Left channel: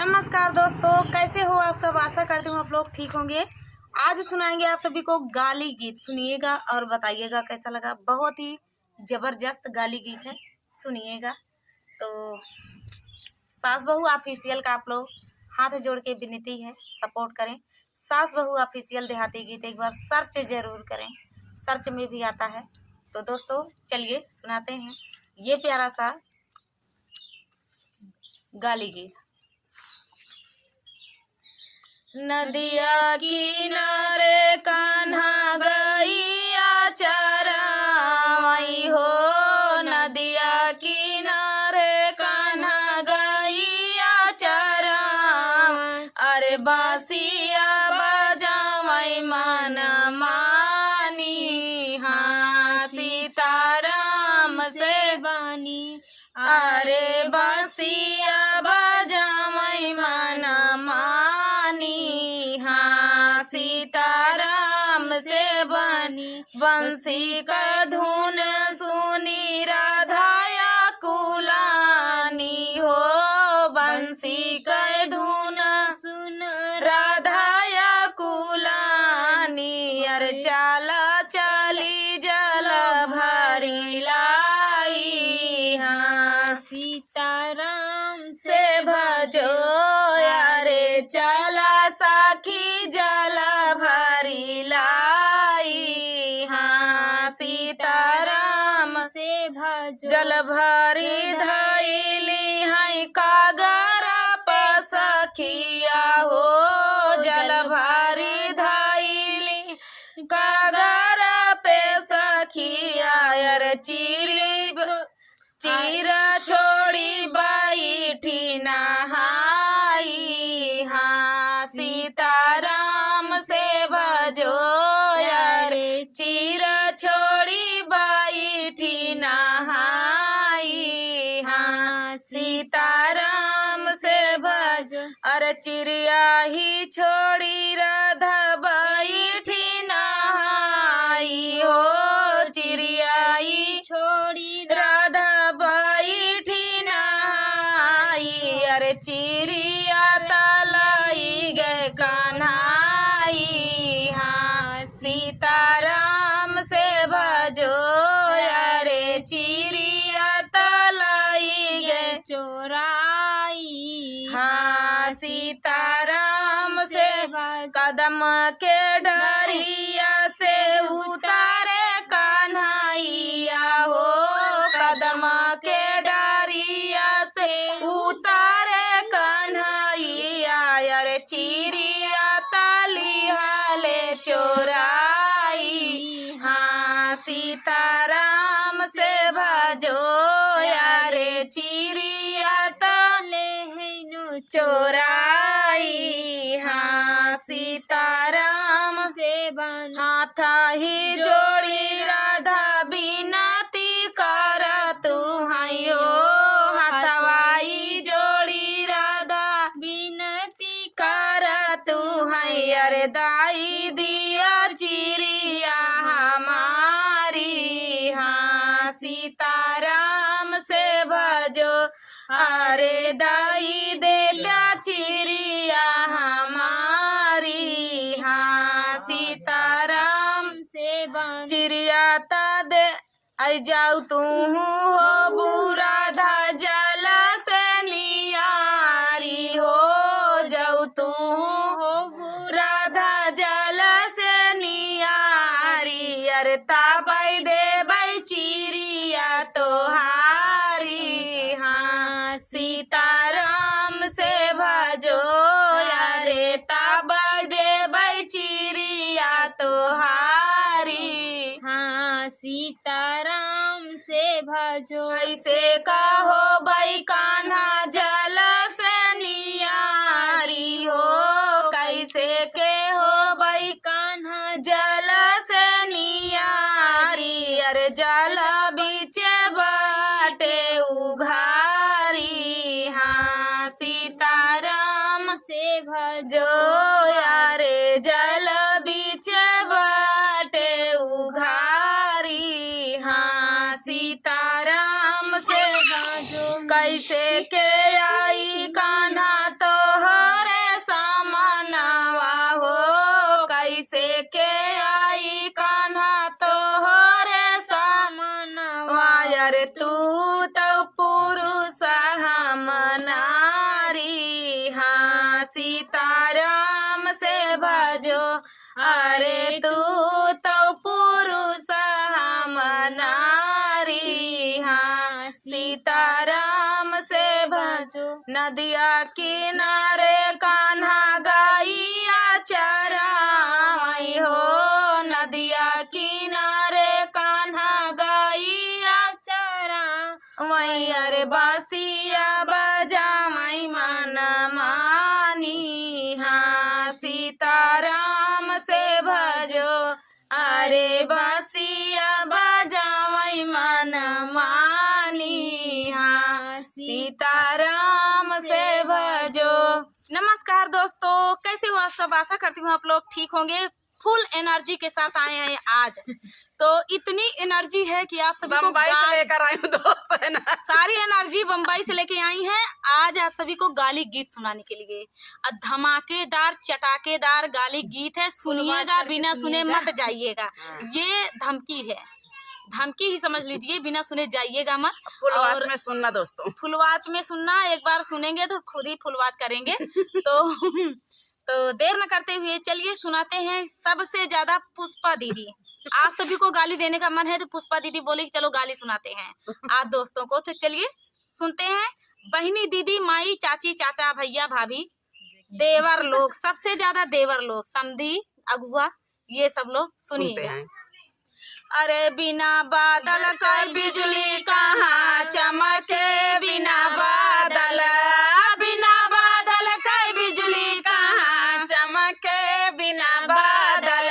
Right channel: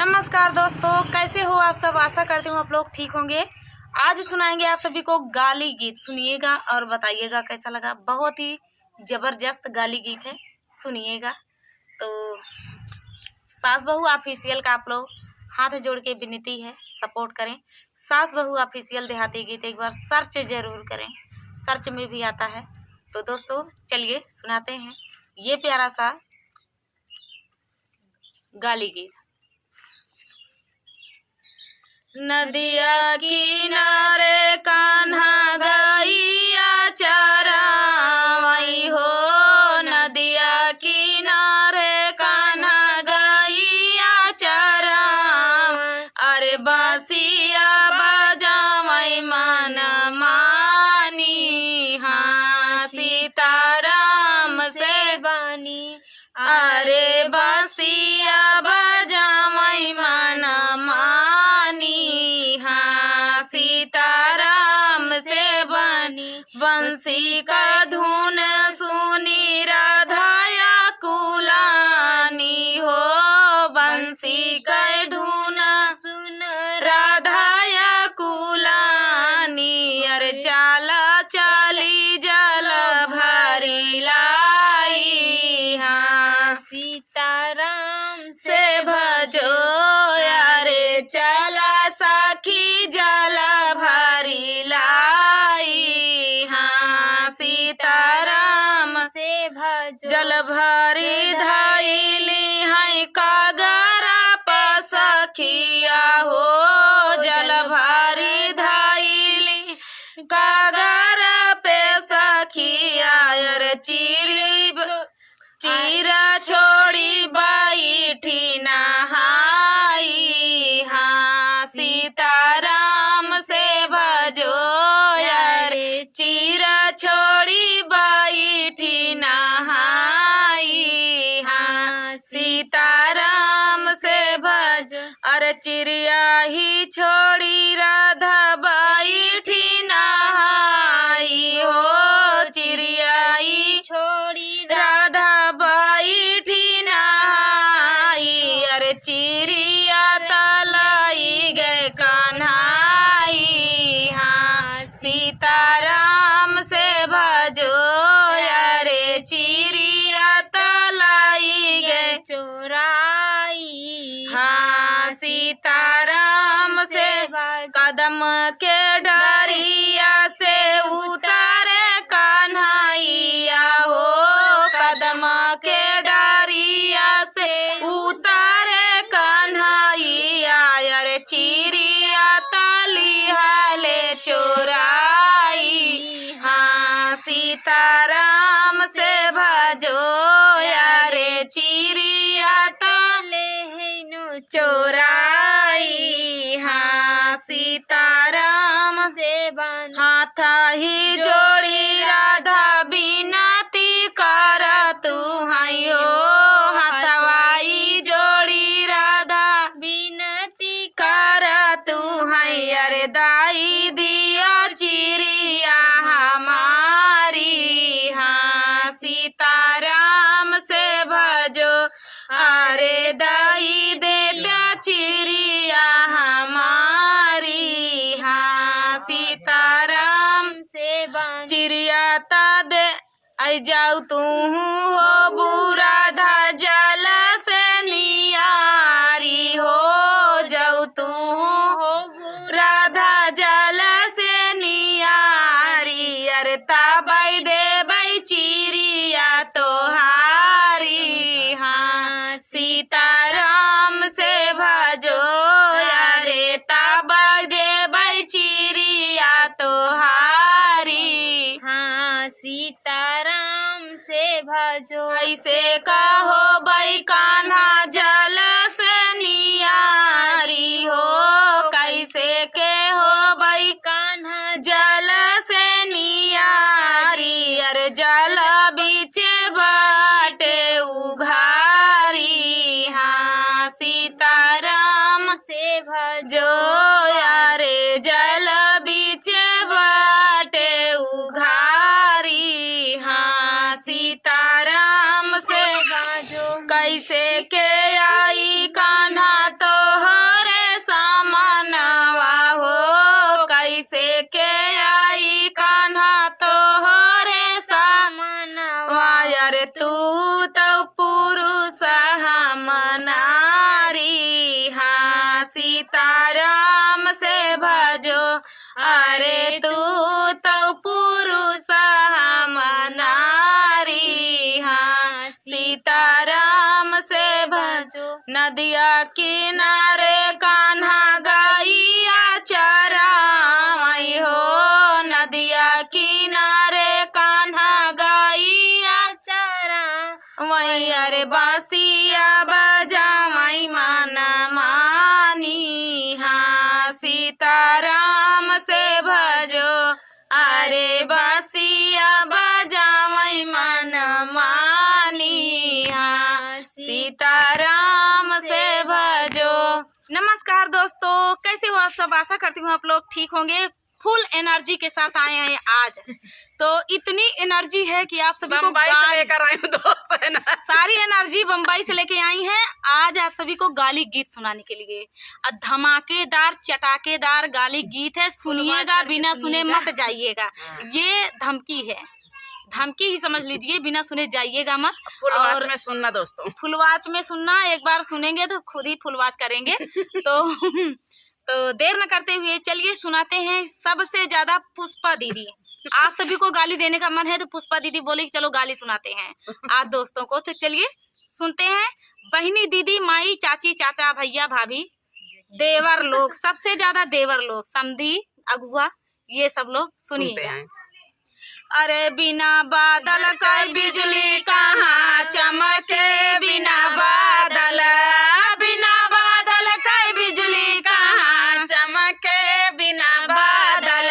नमस्कार दोस्तों, कैसे हो आप सब। आशा करती हूँ आप लोग ठीक होंगे। आज सुनाएंगे आप सभी को गाली गीत। सुनिएगा और बताइएगा कैसा लगा। बहुत ही जबरदस्त गाली गीत है, सुनिएगा। तो सास बहू ऑफिशियल का आप लोग हाथ जोड़ के विनती है, सपोर्ट करें। सास बहू ऑफिशियल देहाती गीत एक बार सर्च जरूर करें, सर्च में भी आता है। तो दोस्तों चलिए सुनाते हैं ये प्यारा सा गाली गीत। नदिया किनारे कान्हा गैया चरावई हो, नदिया किनारे कान्हा गैया चराव। अरे बांसिया बजावई मन मानी, हाँ सीताराम से बानी। अरे बांसिया बजावई मन मानी, हाँ सीताराम से बनी। बंसी का धुन सुनी राधाया कुलानी हो, बंसी का धुन सुन राधाया कुलानी। अरे चाला चाली जल भरी लाई, हाँ सीताराम से भजो। अरे चला साखी जल भरी लाई, हाँ सीताराम से भजो। जल भरी धैली है कागरा पसखिया हो, जल भरी धैली कागरा पे सखिया। अरे चीरा छोड़ी बैठी नहाई, हाँ सीताराम से भजो। अरे चीरा छोड़ी बैठी नहाई, हाँ सीताराम से भजो। अरे चिड़िया ही छोड़ी राधा बैठी नहाई हो, चिड़िया ही छोड़ी राधा बैठी नहाई। अरे चिड़िया तलाई गए कान्हाई, हाँ सीताराम से भजो। अरे चिड़िया तलाई गए चोराई, हाँ सीताराम से कदम के डरिया से उतारे कान्हैया हो, कदम के डरिया से उतारे कान्हैया। अरे चिड़िया तली हाले चोराई, हाँ सीताराम से भजो। अरे चिड़िया तले चोराई, हाँ सीताराम से बन। हाथ ही जोड़ी राधा बिनती कर तू हाई हो, हाथवाई जोड़ी राधा बिनती कर तू हाई। अरे दाई दिया चिड़िया हमारी, हाँ सीताराम से भजो। अरे दाई देता चिड़िया हमारी, हाँ सीताराम से बन। चिड़िया ता दे आई जाऊ तू हो बुरा धा जल से नियारी हो, जाऊ तू हो राधा जल से नियारी। अरे ताबाई दे बाई चिड़िया तोहारी, हाँ सीताराम से भजो। अरे ताबाई दे बाई चिड़िया तोहारी, हाँ सीताराम से भजो। ऐसे कहो बाई कान्हा जल से नियारी हो, कैसे के हो बाई कान्हा जल से नियारी। अरे जल बीचे बाटे उघारी, हाँ सीताराम से भजो। अरे जल बीचे बाटे उघारी, हाँ सीताराम से भजो। कैसे के आई कान्हा तो अरे तू तो पुरुष हम नारी, हाँ सीताराम से भजो नदिया किनारे कान्हा गैया चरावई हो, नदिया किनारे कान्हा गैया चरावई, अरे बांसिया बजावई मन मानी, हाँ सीताराम से भजो, अरे बांसिया बजावई मन मानी, हाँ सीताराम से भजो। नमस्कार दोस्तों, कैसे हो आप सब? आशा करती हूँ आप लोग ठीक होंगे। फुल एनर्जी के साथ आए हैं आज। तो इतनी एनर्जी है कि आप सभी को बम्बई से लेकर आई हूँ दोस्त, है ना। सारी एनर्जी बम्बई से लेके आई हैं आज आप सभी को गाली गीत सुनाने के लिए। धमाकेदार चटाकेदार गाली गीत है, सुनिएगा, बिना सुने मत जाइएगा। ये धमकी है, धमकी ही समझ लीजिए, बिना सुने जाइएगा मत। फुलवाच में सुनना दोस्तों, फुलवाच में सुनना, एक बार सुनेंगे तो खुद ही फुलवाच करेंगे। तो देर न करते हुए चलिए सुनाते हैं। सबसे ज्यादा पुष्पा दीदी, आप सभी को गाली देने का मन है तो पुष्पा दीदी बोले कि चलो गाली सुनाते हैं आप दोस्तों को। तो चलिए सुनते हैं। बहिनी, दीदी, माई, चाची, चाचा, भैया, भाभी, देवर लोग, सबसे ज्यादा देवर लोग, समधी, अगुआ, ये सब लोग सुनिए। अरे बिना बादल का बिजली कहाँ चमके, बिना बादल, बिना बादल का बिजली कहाँ चमके, बिना बादल,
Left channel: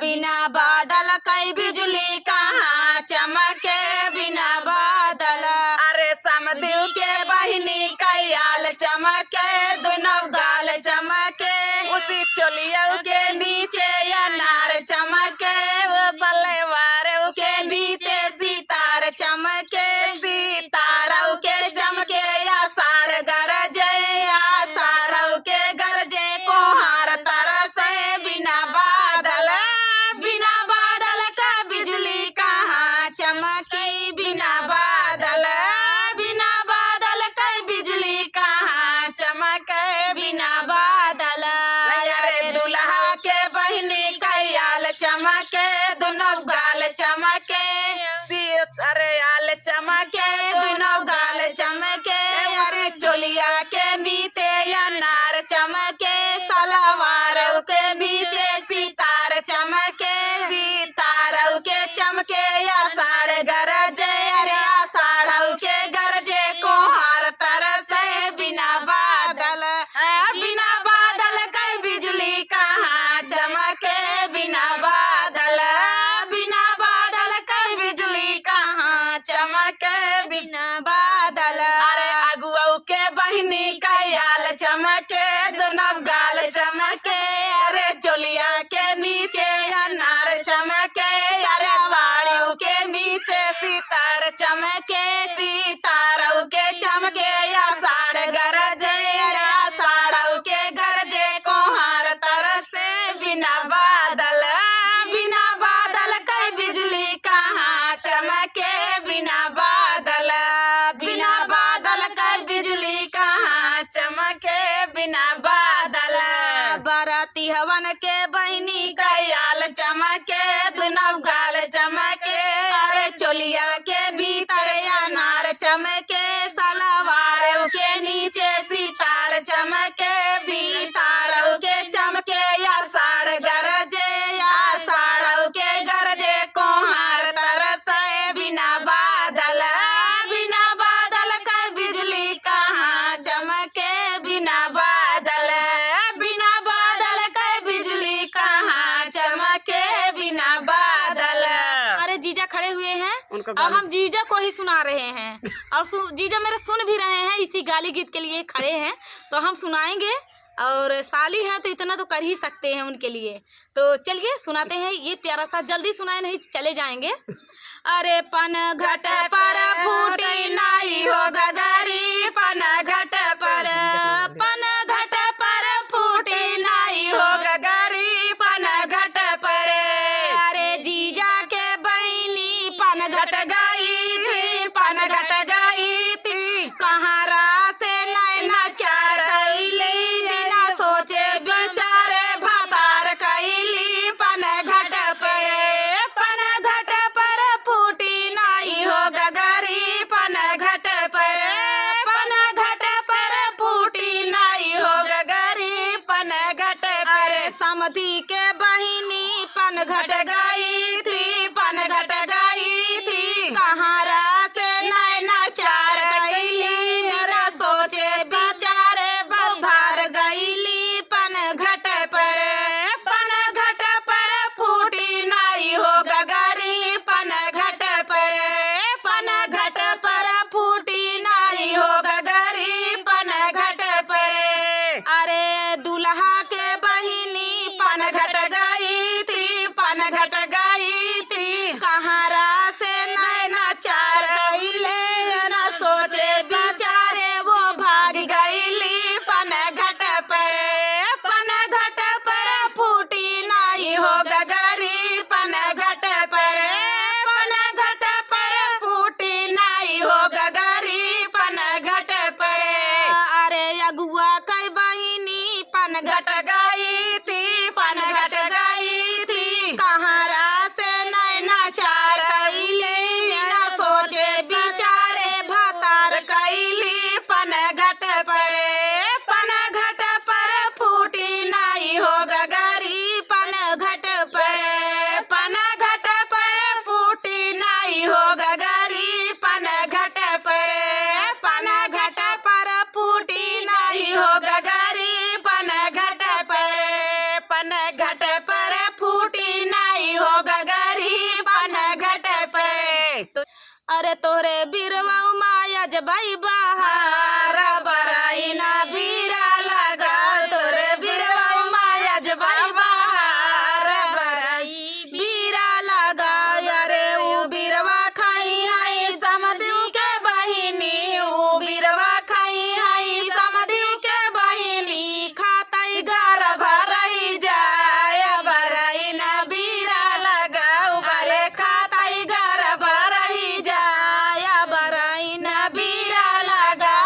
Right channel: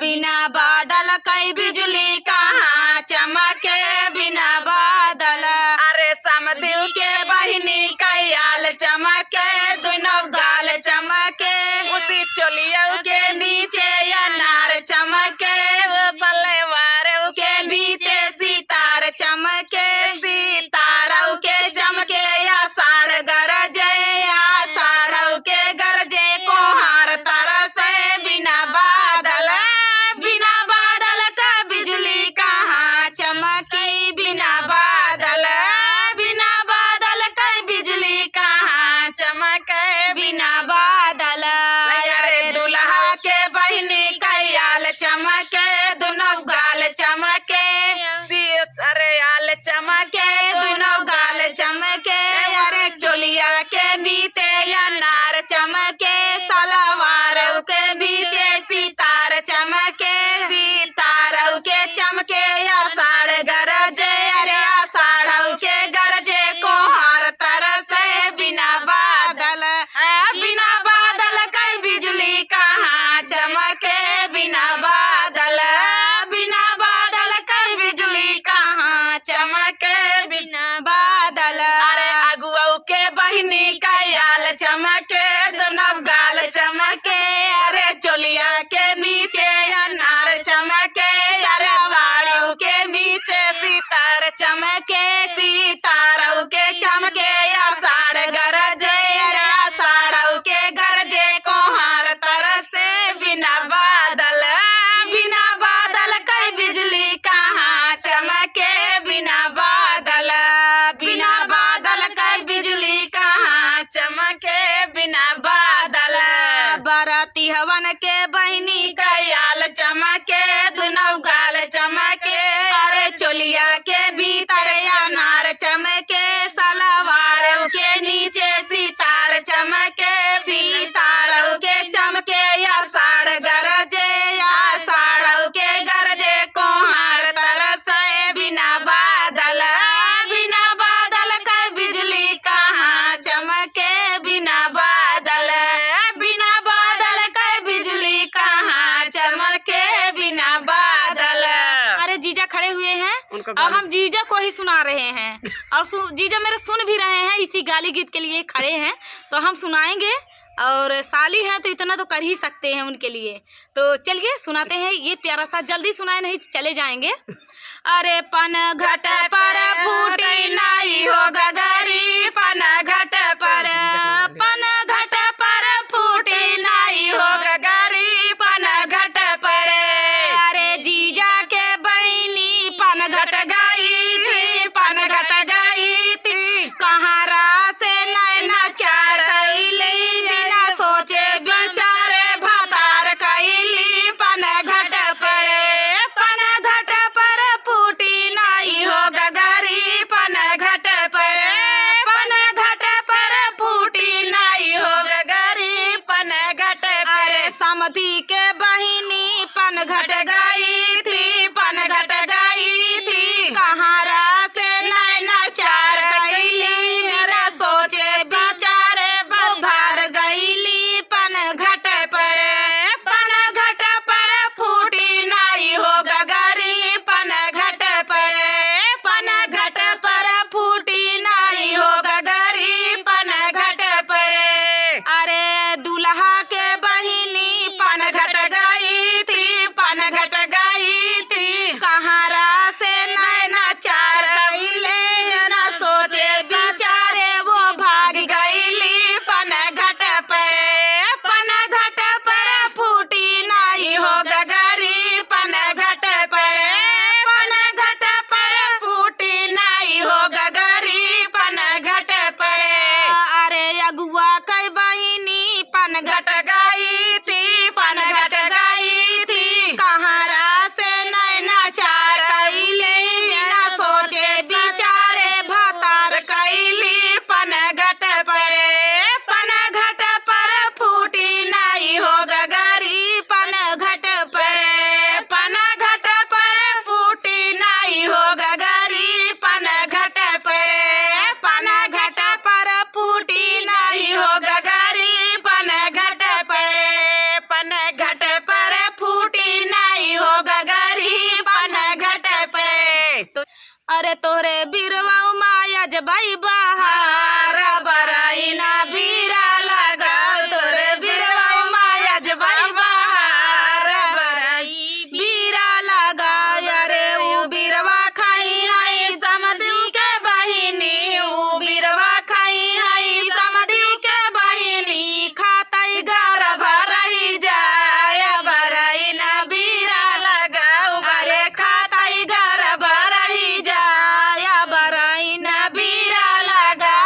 बिना बादल का बिजली कहाँ चमके, बिना बादल, अरे समदेव के बहिनी कैयाल चमके, दोनों गाल चमके, उसी चोलियों के नीचे अनार चमके, वो सलवार के नीचे सितार चमके, सितारों के चमके, या साड़ गरजे, या साड़ों के गरजे, कोहार तरसे, बिना बादल, बिना बादल का बिजली कहाँ चमके, बिना बादल, बिना बादल का बिजली कहाँ चमके, बिना बादल, अरे दुल्हा के बहिनी कैयाल चमके, दोनों गाल चमके, अरे आल चमके, दोनों गाल चमके, अरे चोलिया के नीचे अनार चमके, सलवार के नीचे सितार चमके, सितारों के चमके, या साड़ गरजे, अरे साड़ों के गरजे, कोहार तरसे, बिना बादल, बिना बादल का बिजली कहाँ चमके, बिना बादल, बिना बादल का बिजली कहाँ चमके, बिना बादल, अरे अगुआ के बहिनी कैयाल चमके, दोनों गाल चमके, अरे चोलिया के नीचे अनार चमके, अरे साड़ियों के नीचे सितार चमके, सितारों के चमके, या साड़ गरजे, या साड़ों के गरजे, कोहार तरसे, बिना बादल, बिना बादल का बिजली कहाँ चमके, बिना बादल, बिना बादल का बिजली कहाँ चमके, बिना बादल, बाराती हवन के बहिनी कैयाल चमके, दोनों गाल चमके, अरे चोलिया के भीतर अनार चमके, सलवार के नीचे सितार चमके, सितारों के चमके, या साड़ गरजे, या साड़ों के गरजे, कोहार तरसे, बिना बादल, बिना बादल का बिजली कहाँ चमके, बिना बादल, बिना बादल का बिजली कहाँ चमके, बिना बादल। अरे जीजा खड़े हुए हैं और हम जीजा को ही सुना रहे हैं और जीजा मेरे सुन भी रहे हैं, इसी गाली गीत के लिए खड़े हैं तो हम सुनाएंगे। और साली है तो इतना तो कर ही सकते हैं उनके लिए। तो चलिए सुनाते हैं ये प्यारा सा, जल्दी सुनाए नहीं चले जाएंगे। अरे पन घट पर फूटी नाई हो गगरी, पन घट पर फूटी नाई हो गगरी, पन घट पर, अरे जीजा के बहिनी पन घट गई थी, पन घट गई थी, कहारा से नैना चार कैली, बिना सोचे विचारे भतार कैली, समधी के बहिनी पन घट गई थी, पन घट गई थी। कहारा से नैना चार गईली, मेरे सोचे विचारे बधार गईली। पन घट पे फूटी नाई हो गगरी। पन घट पर फूटी नाई हो गगरी। पन घट पे अरे दूल्हा के बहिनी पन घट गई थी, पन घट गई थी। कहारा से नैना चार गईले, न सोचे विचारे वो भाग गईली। पन घट पे फूटी नाई हो गगरी। पन घट पे फूटी नाई हो गगरी। पन घट पे अरे अगुआ कई बहिनी पन घट गई थी, पन घट गई थी। कहारा से नैना चार गईले, मेरा सोचे विचारे भतार कैली। पन घट पर फूटी नाई हो गगरी। पन घट पर फूटी नाई हो गगरी। पन घट पर फूटी नाई हो गगरी। पन घट पर फूटी नाई हो गगरी। पन घट पे अरे तोरे बिरवा माया जबाई बहार बराई ना बीरा लगा। तोरे बिरवा माया जबाई बहार बराई बीरा लगा। अरे ऊ बिरवा खाई आई समधी के बहिनी, ऊ बिरवा खाई आई समधी के बहिनी। खाताई घर भरई जाय बराई ना बीरा लगा। अरे खाताई घर भरई जाय बराई ना बीरा लगा।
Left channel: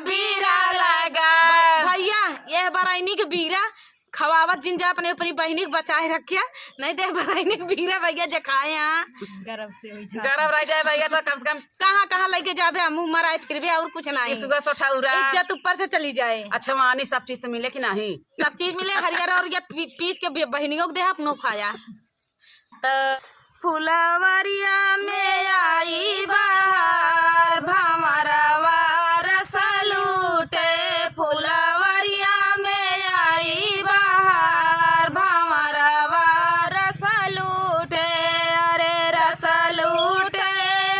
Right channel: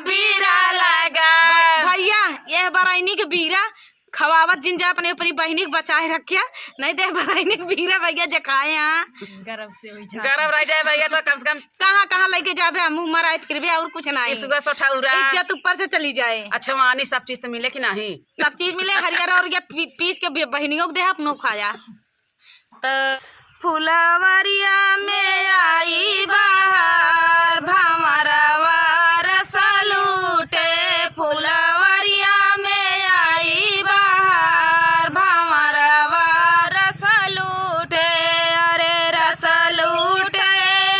बीरा लगा। भैया यह बराइनी के बीरा खवावत जिन जा अपने अपनी बहनी के बचाए रखिया, नहीं दे बराइनी के बीरा भैया जखाए यहाँ गरम रह जाए भैया तो कम से कम कहाँ कहाँ लेके जाबे हम मराए फिर और कुछ नहीं, सुगा सोठौरा इज्जत ऊपर से चली जाए। अच्छा वानी सब चीज तो मिले कि नहीं? सब चीज मिले, हरियर और ये पीस के बहनियों को दे अपनो खाया। तो फुलवरिया में आई बाहर भमरवा रस लूटे, फुलवरिया में आई बाहर भमरवा रस लूटे, अरे रस लूटे,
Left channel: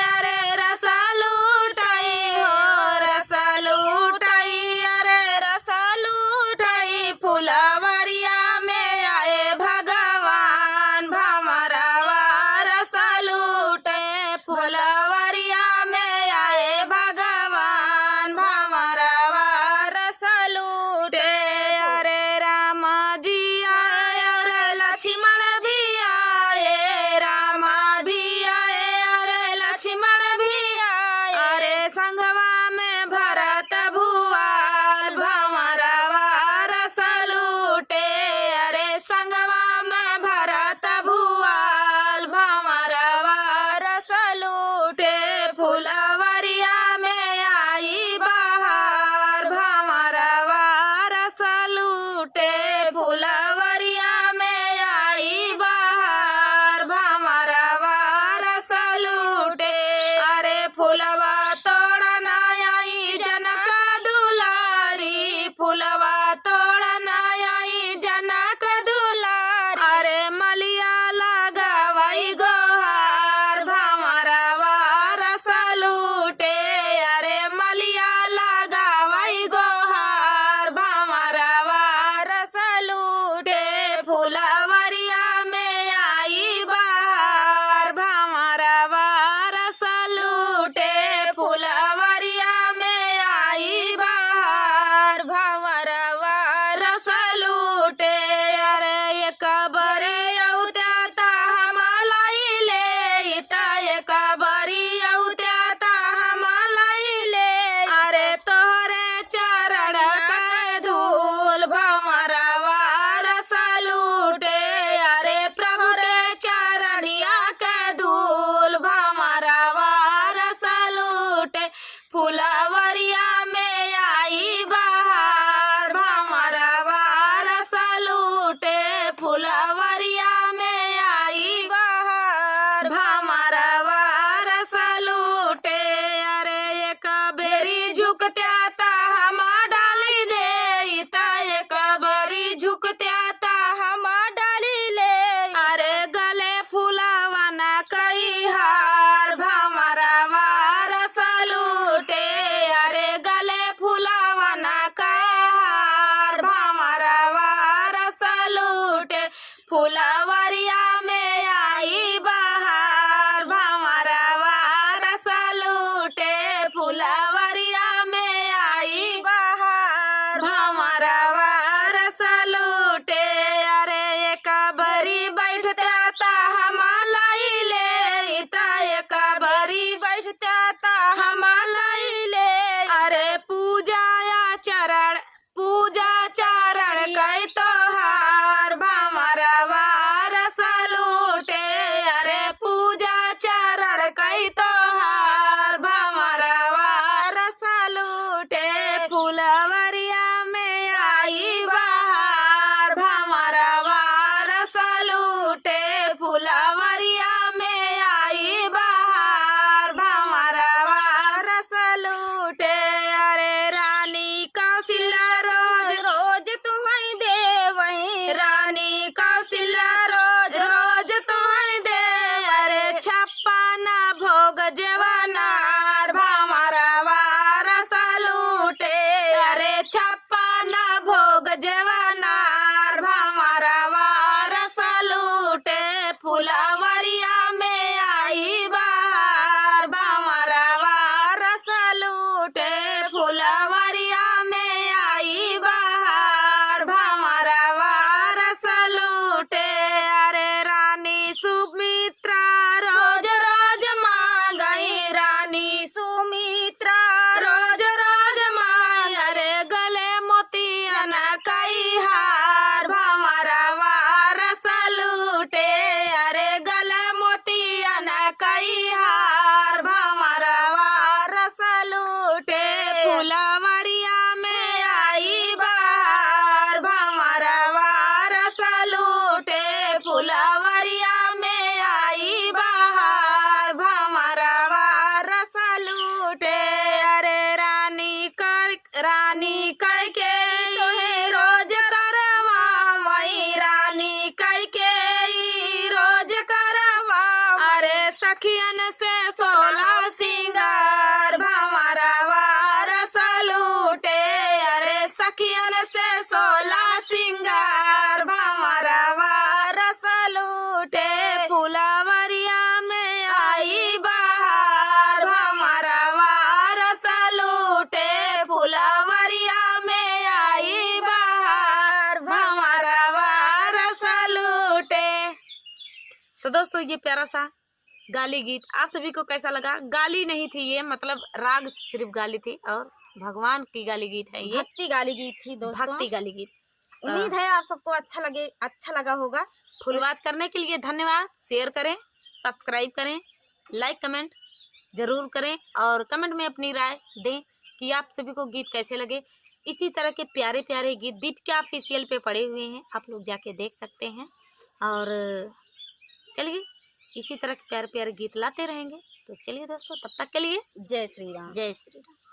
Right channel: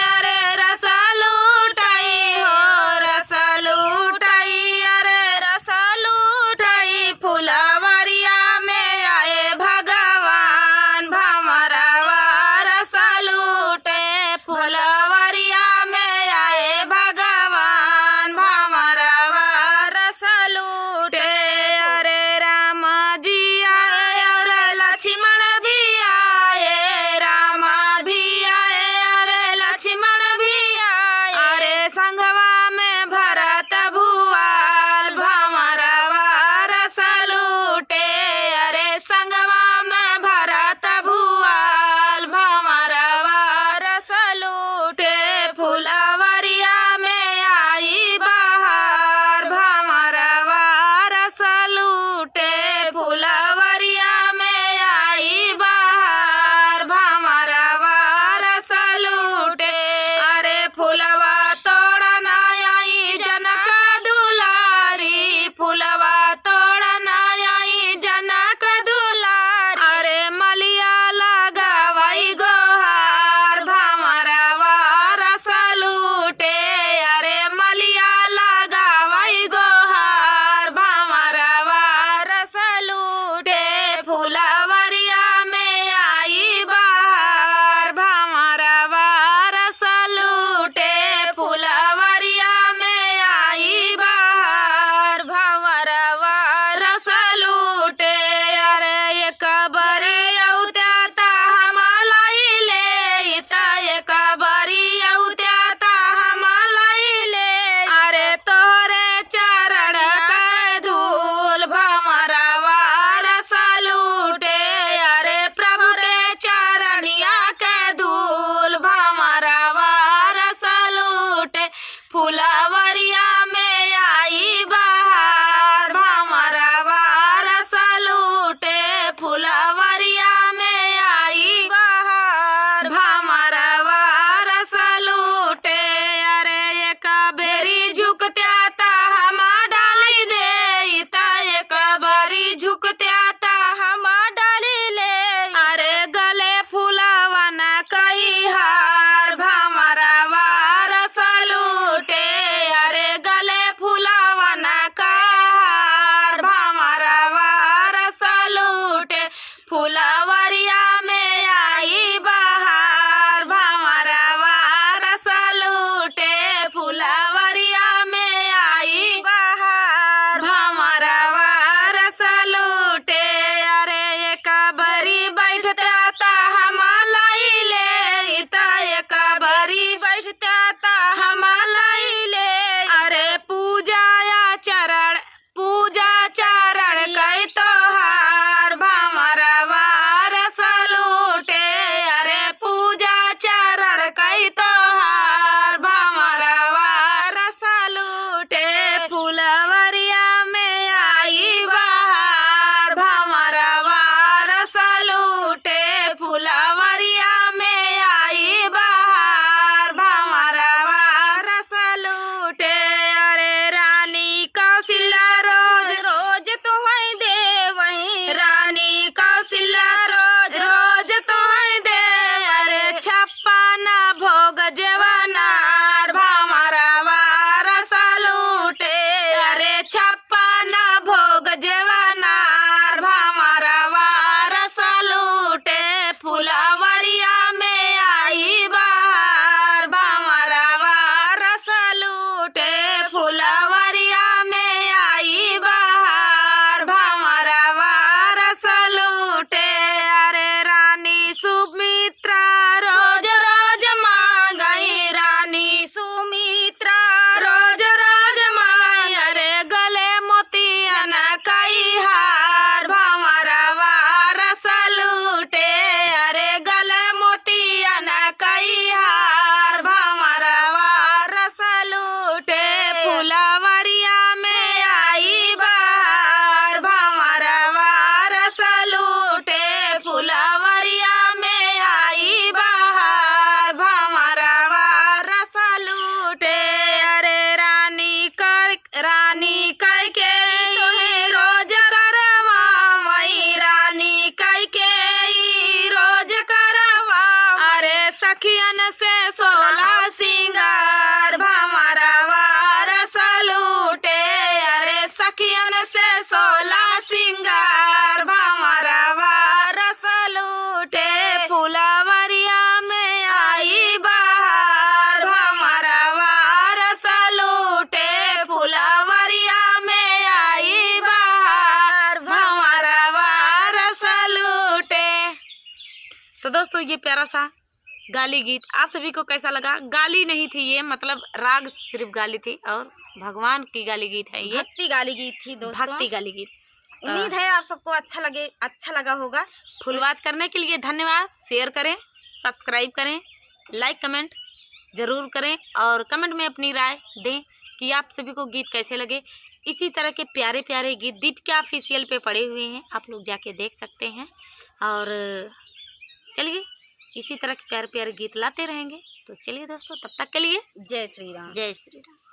अरे रस लूटाई हो रस लूटाई, अरे रस लूटाई, फुलवरिया में आए भगवान भमरवा रस लूटे, फुलवरिया में आए भगवान भमरवा रस लूटे, अरे राम जी आए और लक्ष्मण भी आए, राम जी आए और लक्ष्मण भी आए, अरे संगवा में भरत भुआल भमरवा रस लूटे, अरे संगवा में भरत भुआल भमरवा रस लूटे, फुलवरिया में आई बाहर भमरवा रस लूटे, फुलवरिया में आई बाहर भमरवा रस लूटे, अरे फुलवा तोड़न आई जनक दुलारी, फुलवा तोड़न आई जनक दुलारी, अरे मलिया लगावई गोहार भमरवा रस लूटे, अरे मलिया लगावई गोहार भमरवा रस लूटे, फुलवरिया में आई बाहर भमरवा रस लूटे, फुलवरिया में आई बाहर भमरवा रस लूटे, अरे एक बरी औत्याता हमलाई ले इता, एक बरी औत्याता हमलाई ले, अरे तोहरे चरण का धूल भमरवा रस लूटे, अरे प्रभु के चरनिया के धूल भमरवा रस लूटे, फुलवरिया में आई बाहर भमरवा रस लूटे, फुलवरिया में आई बाहर भमरवा रस लूटे, अरे एक बेरी झुकत्याता हम डाली दे इता, एक बरी झुकत्याता हम डाली ले, अरे गले फुलवन कई हार भमरवा रस लूटे, अरे गले फुलवन का हार भमरवा रस लूटे, फुलवरिया में आई बाहर भमरवा रस लूटे, फुलवरिया में आई बाहर भमरवा रस लूटे, अरे एक बरी बैठता हम लाई ले इता, एक बरी बैठता हम लाई ले, अरे पूजा चरण कई तोहार भमरवा रस लूटे, अरे पूजा चरण कई तोहार भमरवा रस लूटे, फुलवरिया में आई बाहर भमरवा रस लूटे, फुलवरिया में आई बाहर भमरवा रस लूटे, अरे रानी कौशल्या रोज रोज तुम्हें दे वही, रानी कौशल्या रोज रोज तुम्हें दे, अरे छप्पन भोग जवानार भमरवा रस लूटे, अरे छप्पन भोग जवानार भमरवा रस लूटे, फुलवरिया में आई बाहर भमरवा रस लूटे, फुलवरिया में आई बाहर भमरवा रस लूटे, अरे रानी सुमित्रा रोज रोज मांगई, रानी सुमित्रा रोज रोज मांगई, से 16 सिंगार भमरवा रस लूटे फुलवरिया में आई बहार भमरवा रस लूटे फुलवरिया में आई बहार भमरवा रस लूटे। तो दोस्तों ये प्यारा सा गाली गीत आप सभी को कैसा लगा? गाली नहीं थी ये, मतलब राग सिर्फ गाली थी और भगवान की गाली गीत है ये, भक्ति गाली गीत थी दोस्तों। भक्ति गाली गीत। उम्मीद है आप सबको अच्छा लगा होगा। फुल वॉच करने के लिए धन्यवाद। शेयर करें, सब्सक्राइब करें, लाइक कमेंट जरूर करें और कमेंट में अपनी राय दें कि आप सभी को गीत कैसे लगे। इसी तरह के प्यारे प्यारे गीत दीपिका ऑफिशियल पे पड़े हुए हैं, आप लोग जाके देख सकते हैं। और चलिए इसी तरह के प्यारे प्यारे गीत लाते रहेंगे। तो चलिए दोस्तों, तब तक के लिए जय श्री राम। जय श्री राम।